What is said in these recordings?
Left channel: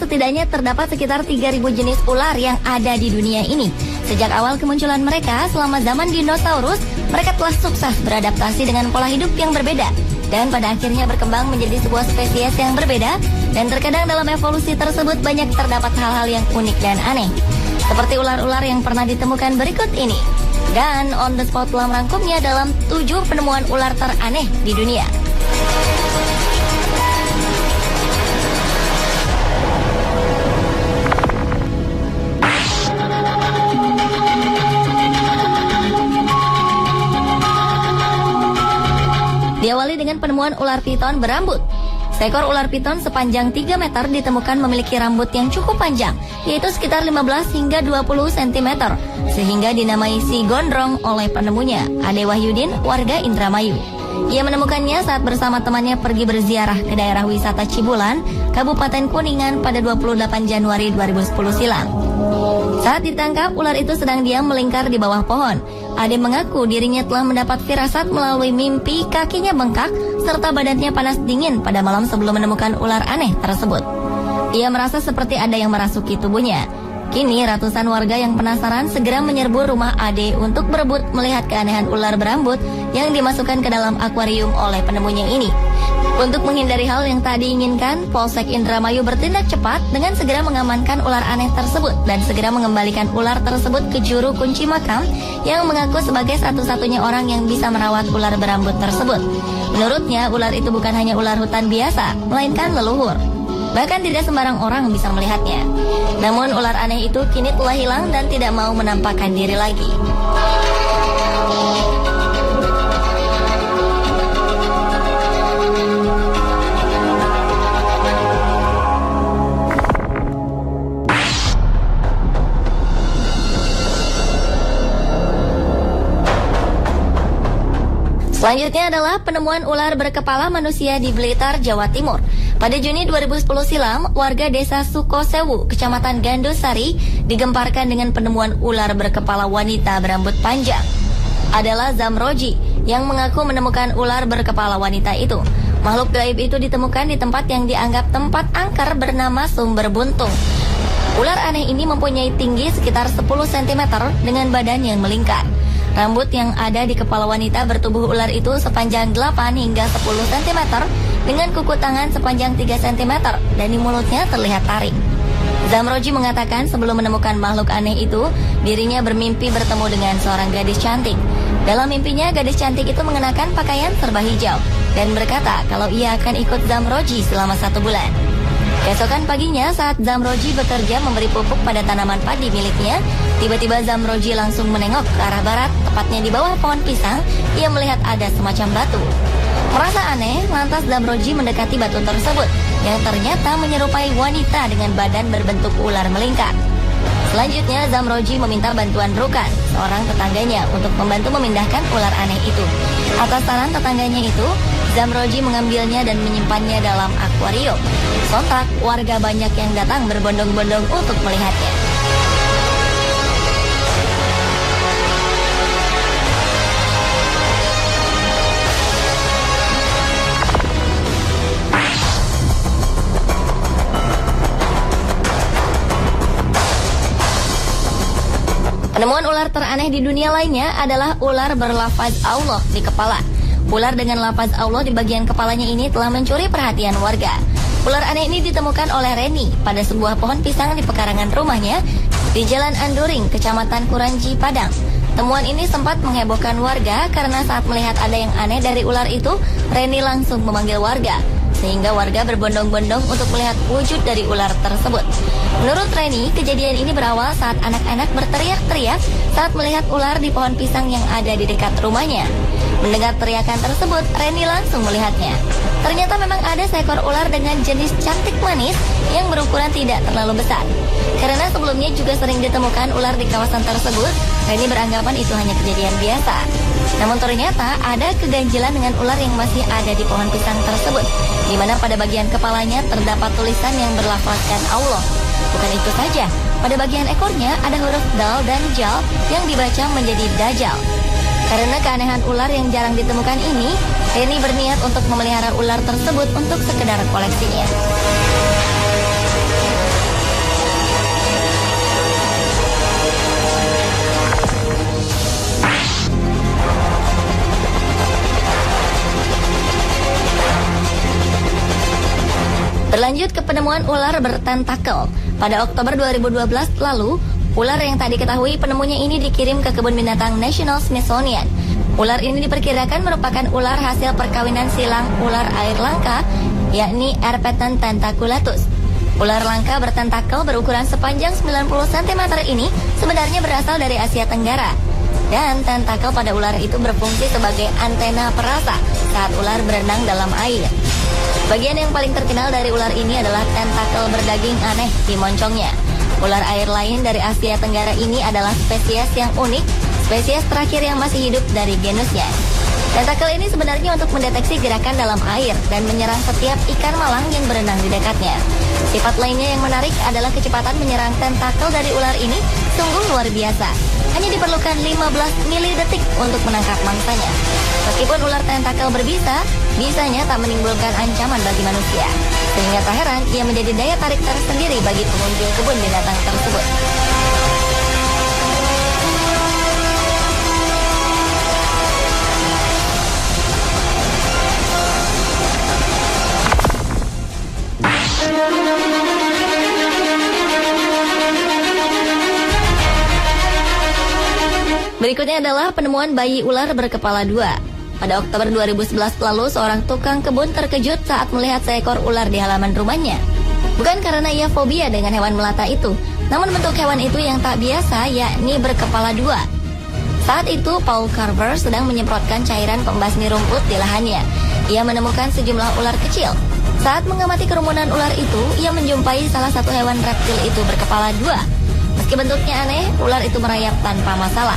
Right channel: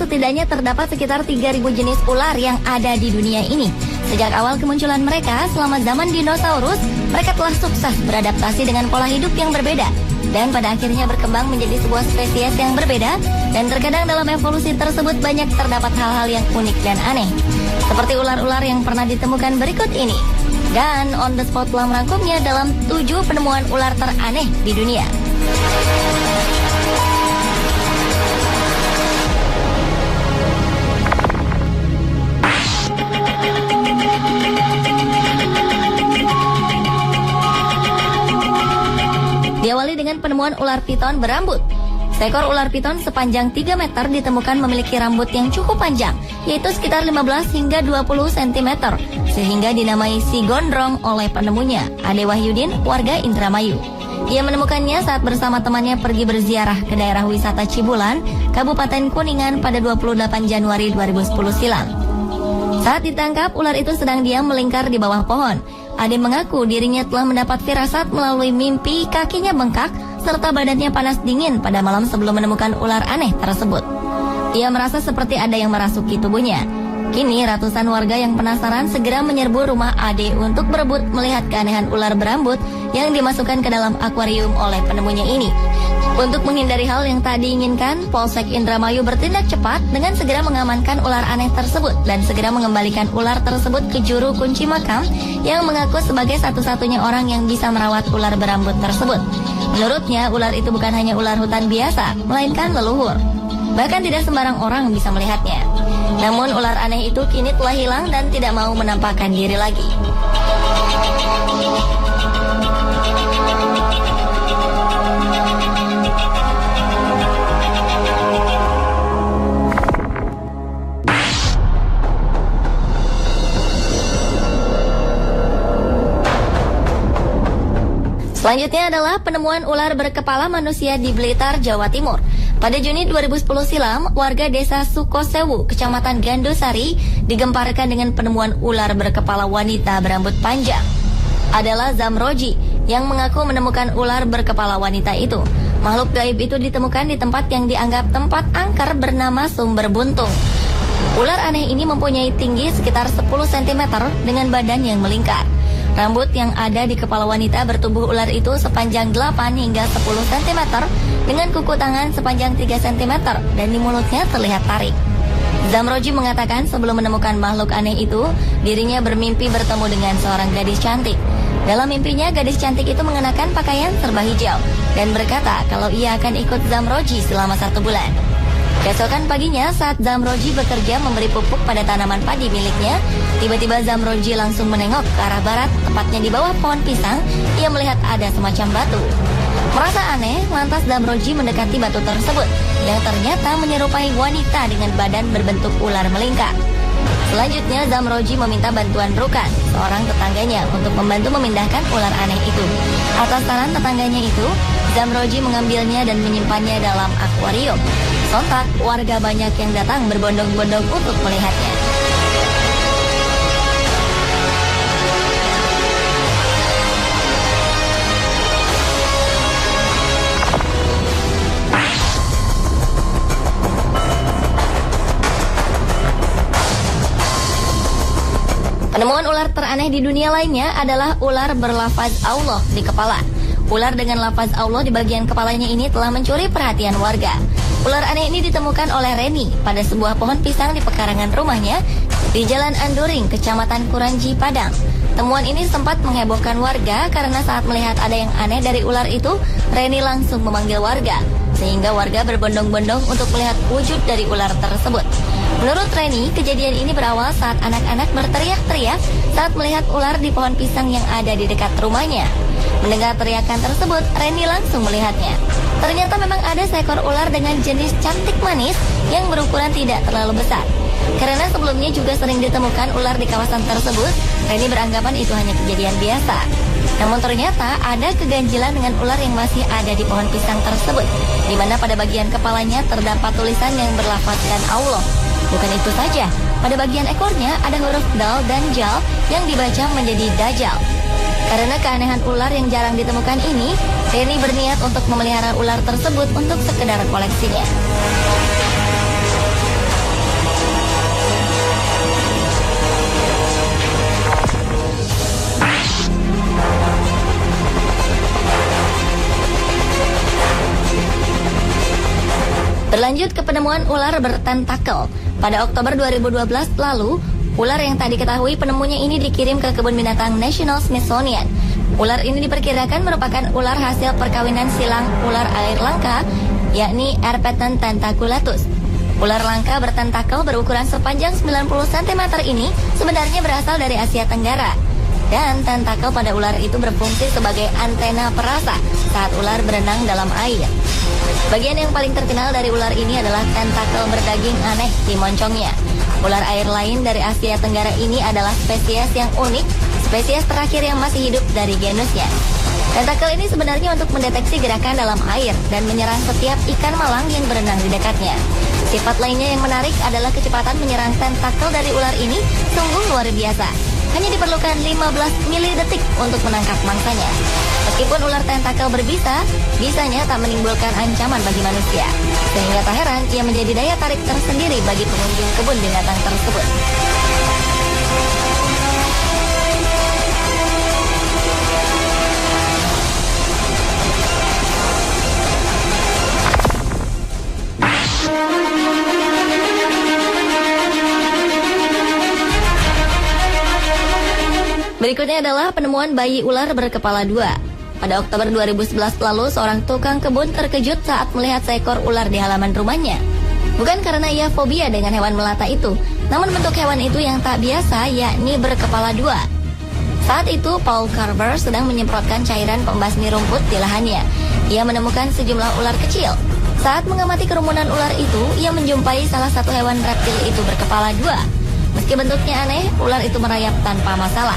setidaknya terdapat sekitar 3.000 jenis ular yang ada di dunia ini. Sejak awal kemunculan mereka selama zaman dinosaurus, mereka telah sukses beradaptasi dengan pola hidup yang berbeda. Dan pada akhirnya berkembang menjadi sebuah spesies yang berbeda. Dan terkadang dalam evolusi tersebut banyak terdapat hal-hal yang unik dan aneh. Seperti ular-ular yang pernah ditemukan berikut ini. Dan On The Spot telah merangkumnya dalam 7 penemuan ular teraneh di dunia. Diawali dengan penemuan ular piton berambut. Seekor ular piton sepanjang 3 meter ditemukan memiliki rambut yang cukup panjang, yaitu sekitar 15 hingga 20 cm, sehingga dinamai si gondrong oleh penemunya, Ade Wahyudin, warga Indramayu. Ia menemukannya saat bersama temannya pergi berziarah ke daerah wisata Cibulan, Kabupaten Kuningan pada 28 Januari 2010 silam. Saat ditangkap, ular itu sedang diam melingkar di bawah pohon. Ade mengaku dirinya telah mendapat firasat melalui mimpi kakinya bengkak serta badannya panas dingin pada malam sebelum menemukan ular aneh tersebut. Ia merasa seperti ada yang merasuki tubuhnya. Kini ratusan warga yang penasaran segera menyerbu rumah Ade untuk berebut melihat keanehan ular berambut yang dimasukkan ke dalam akuarium oleh penemunya ini. Untuk menghindari hal yang tak diinginkan, Polsek Indramayu bertindak cepat dengan segera mengamankan ular aneh tersebut dan segera mengembalikan ular tersebut ke juru kunci makam yang mengaku sebagai satu-satunya orang yang bisa merawat ular berambut tersebut. Menurutnya, ular itu bukan hanya ular hutan biasa, melainkan leluhur. Bahkan tidak sembarang orang bisa melihatnya. Namun ular aneh itu kini telah hilang dan tidak mau menampakkan diri lagi. Selanjutnya adalah penemuan ular berkepala manusia di Blitar, Jawa Timur. Pada Juni 2010 silam, warga desa Sukosewu, Kecamatan Gandusari, digemparkan dengan penemuan ular berkepala wanita berambut panjang. Adalah Zamroji yang mengaku menemukan ular berkepala wanita itu. Makhluk gaib itu ditemukan di tempat yang dianggap tempat angker bernama Sumber Buntung. Ular aneh ini mempunyai tinggi sekitar 10 cm dengan badan yang melingkar. Rambut yang ada di kepala wanita bertubuh ular itu sepanjang 8 hingga 10 cm dengan kuku tangan sepanjang 3 cm dan di mulutnya terlihat taring. Zamroji mengatakan sebelum menemukan makhluk aneh itu, dirinya bermimpi bertemu dengan seorang gadis cantik. Dalam mimpinya, gadis cantik itu mengenakan pakaian serba hijau dan berkata kalau ia akan ikut Zamroji selama 1 bulan. Keesokan paginya saat Zamroji bekerja memberi pupuk pada tanaman padi miliknya, tiba-tiba Zamroji langsung menengok ke arah barat, tepatnya di bawah pohon pisang. Ia melihat ada semacam batu. Merasa aneh, lantas Zamroji mendekati batu tersebut, yang ternyata menyerupai wanita dengan badan berbentuk ular melingkar. Selanjutnya Zamroji meminta bantuan Rukan, seorang tetangganya, untuk membantu memindahkan ular aneh itu. Atas saran tetangganya itu, Zamroji mengambilnya dan menyimpannya dalam akuarium. Sontak, warga banyak yang datang berbondong-bondong untuk melihatnya. Penemuan ular teraneh di dunia lainnya adalah ular berlafaz Allah di kepala. Ular dengan lafaz Allah di bagian kepalanya ini telah mencuri perhatian warga. Ular aneh ini ditemukan oleh Reni pada sebuah pohon pisang di pekarangan rumahnya di Jalan Anduring, Kecamatan Kuranji, Padang. Temuan ini sempat menghebohkan warga karena saat melihat ada yang aneh dari ular itu, Reni langsung memanggil warga, sehingga warga berbondong-bondong untuk melihat wujud dari ular tersebut. Menurut Reni, kejadian ini berawal saat anak-anak berteriak-teriak saat melihat ular di pohon pisang yang ada di dekat rumahnya. Mendengar teriakan tersebut, Reni langsung melihatnya. Ternyata memang ada seekor ular dengan jenis cantik manis yang berukuran tidak terlalu besar. Karena sebelumnya juga sering ditemukan ular di kawasan tersebut, Reni beranggapan itu hanya kejadian biasa. Namun ternyata ada keganjilan dengan ular yang masih ada di pohon pisang tersebut, di mana pada bagian kepalanya terdapat tulisan yang berlafazkan Allah. Bukan itu saja, pada bagian ekornya ada huruf dal dan jal yang dibaca menjadi Dajjal. Karena keanehan ular yang jarang ditemukan ini, Reni berniat untuk memelihara ular tersebut untuk sekedar koleksinya. penemuan ular bertentakel. Pada Oktober 2012 lalu, ular yang tak diketahui penemunya ini dikirim ke kebun binatang National Smithsonian. Ular ini diperkirakan merupakan ular hasil perkawinan silang ular air langka, yakni Erpeton tentaculatus. Ular langka bertentakel berukuran sepanjang 90 cm ini sebenarnya berasal dari Asia Tenggara. Dan tentakel pada ular itu berfungsi sebagai antena perasa saat ular berenang dalam air. Bagian yang paling terkenal dari ular ini adalah tentakel berdaging aneh di moncongnya. Ular air lain dari Asia Tenggara ini adalah spesies yang unik, spesies terakhir yang masih hidup dari genusnya. Tentakel ini sebenarnya untuk mendeteksi gerakan dalam air dan menyerang setiap ikan malang yang berenang di dekatnya. Sifat lainnya yang menarik adalah kecepatan menyerang tentakel dari ular ini sungguh luar biasa. Hanya diperlukan 15 milidetik untuk menangkap mangsanya. Meskipun ular tentakel berbisa, bisanya tak menimbulkan ancaman bagi manusia. Sehingga tak heran ia menjadi daya tarik tersendiri bagi pengunjung kebun binatang tersebut. Berikutnya adalah penemuan bayi ular berkepala dua. Pada Oktober 2011 lalu, seorang tukang kebun terkejut saat melihat seekor ular di halaman rumahnya. Bukan karena ia fobia dengan hewan melata itu, namun bentuk hewan itu yang tak biasa, yakni berkepala dua. Saat itu, Paul Carver sedang menyemprotkan cairan pembasmi rumput di lahannya. Ia menemukan sejumlah ular kecil. Saat mengamati kerumunan ular itu, ia menjumpai salah satu hewan reptil itu berkepala dua. Meski bentuknya aneh, ular itu merayap tanpa masalah.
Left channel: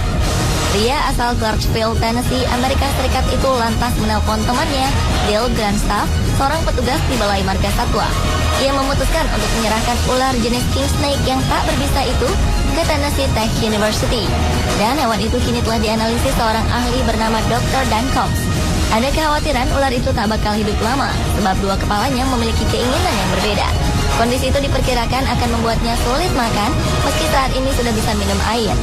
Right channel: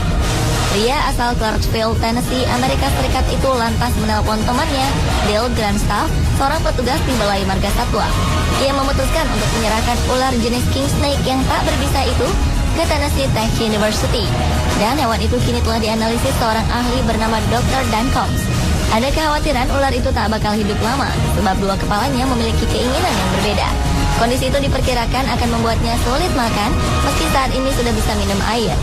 Pria asal Clarksville, Tennessee, Amerika Serikat itu lantas menelpon temannya, Bill Grandstaff, seorang petugas di Balai Marga Satwa. Ia memutuskan untuk menyerahkan ular jenis king snake yang tak berbisa itu ke Tennessee Tech University. Dan hewan itu kini telah dianalisis seorang ahli bernama Dr. Dan Combs. Ada kekhawatiran ular itu tak bakal hidup lama, sebab dua kepalanya memiliki keinginan yang berbeda. Kondisi itu diperkirakan akan membuatnya sulit makan, meski saat ini sudah bisa minum air.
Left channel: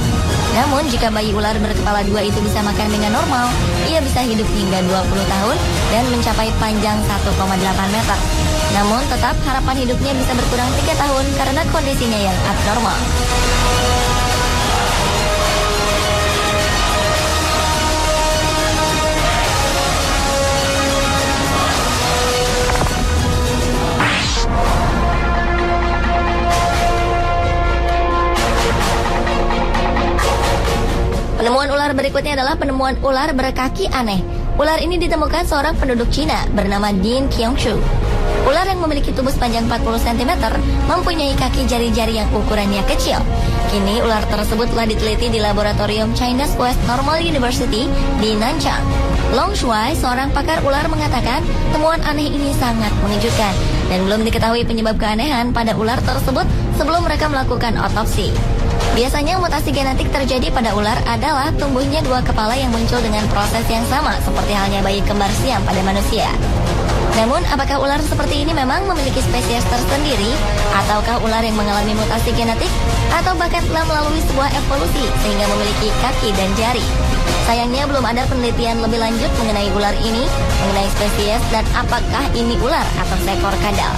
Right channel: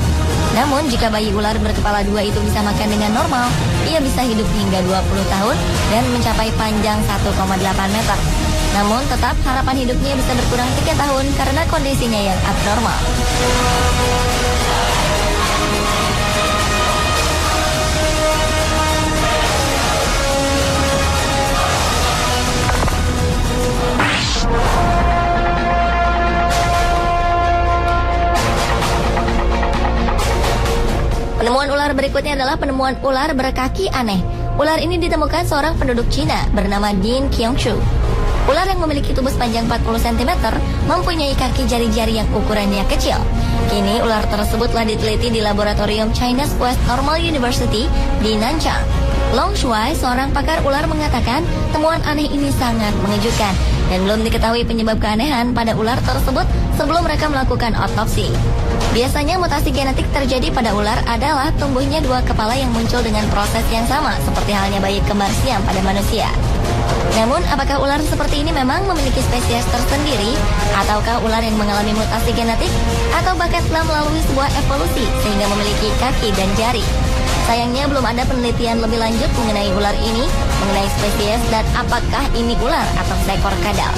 Namun, jika bayi ular berkepala dua itu bisa makan dengan normal, ia bisa hidup hingga 20 tahun dan mencapai panjang 1,8 meter. Namun, tetap harapan hidupnya bisa berkurang 3 tahun karena kondisinya yang abnormal. Berikutnya adalah penemuan ular berkaki aneh. Ular ini ditemukan seorang penduduk Cina bernama Ding Qiangshu. Ular yang memiliki tubuh sepanjang 40 cm mempunyai kaki jari-jari yang ukurannya kecil. Kini ular tersebut telah diteliti di laboratorium China's West Normal University di Nanchang. Long Shuai, seorang pakar ular, mengatakan temuan aneh ini sangat mengejutkan dan belum diketahui penyebab keanehan pada ular tersebut sebelum mereka melakukan otopsi. Biasanya mutasi genetik terjadi pada ular adalah tumbuhnya dua kepala yang muncul dengan proses yang sama seperti halnya bayi kembar siam pada manusia. Namun, apakah ular seperti ini memang memiliki spesies tersendiri? Ataukah ular yang mengalami mutasi genetik? Atau bahkan telah melalui sebuah evolusi sehingga memiliki kaki dan jari? Sayangnya belum ada penelitian lebih lanjut mengenai ular ini, mengenai spesies dan apakah ini ular atau seekor kadal.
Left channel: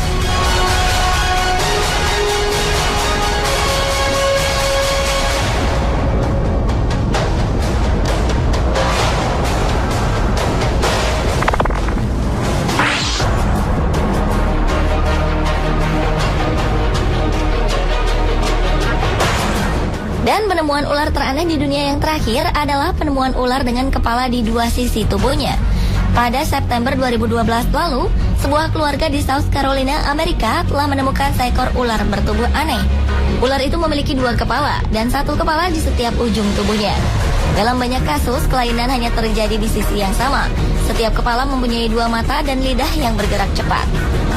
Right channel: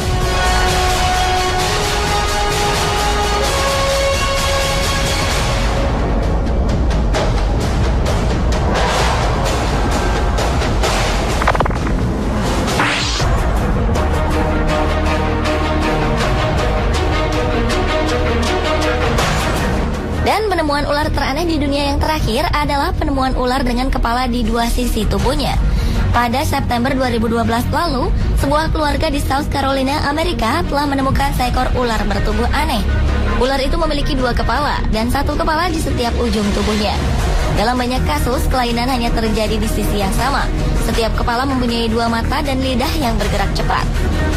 Penemuan ular teraneh di dunia yang terakhir adalah penemuan ular dengan kepala di dua sisi tubuhnya. Pada September 2012 lalu, sebuah keluarga di South Carolina, Amerika telah menemukan seekor ular bertubuh aneh. Ular itu memiliki dua kepala dan satu kepala di setiap ujung tubuhnya. Dalam banyak kasus, kelainan hanya terjadi di sisi yang sama. Setiap kepala mempunyai dua mata dan lidah yang bergerak cepat.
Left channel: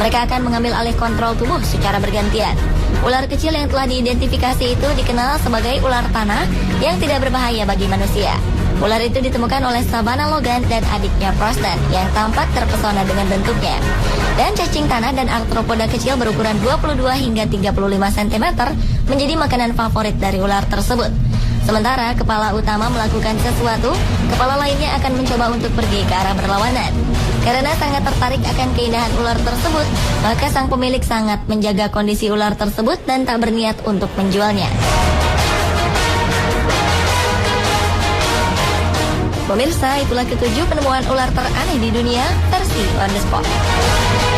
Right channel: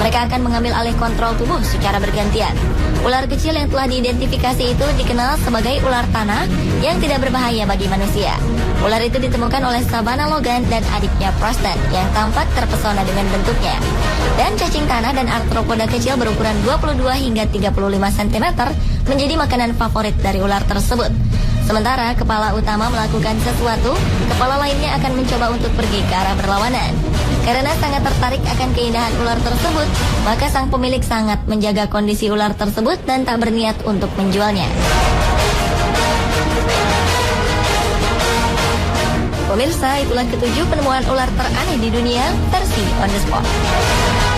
Mereka akan mengambil alih kontrol tubuh secara bergantian. Ular kecil yang telah diidentifikasi itu dikenal sebagai ular tanah yang tidak berbahaya bagi manusia. Ular itu ditemukan oleh Savannah Logan dan adiknya Preston yang tampak terpesona dengan bentuknya. Dan cacing tanah dan arthropoda kecil berukuran 22 hingga 35 cm menjadi makanan favorit dari ular tersebut. Sementara kepala utama melakukan sesuatu, kepala lainnya akan mencoba untuk pergi ke arah berlawanan. Karena sangat tertarik akan keindahan ular tersebut, maka sang pemilik sangat menjaga kondisi ular tersebut dan tak berniat untuk menjualnya. Pemirsa, itulah ketujuh penemuan ular teraneh di dunia versi On The Spot.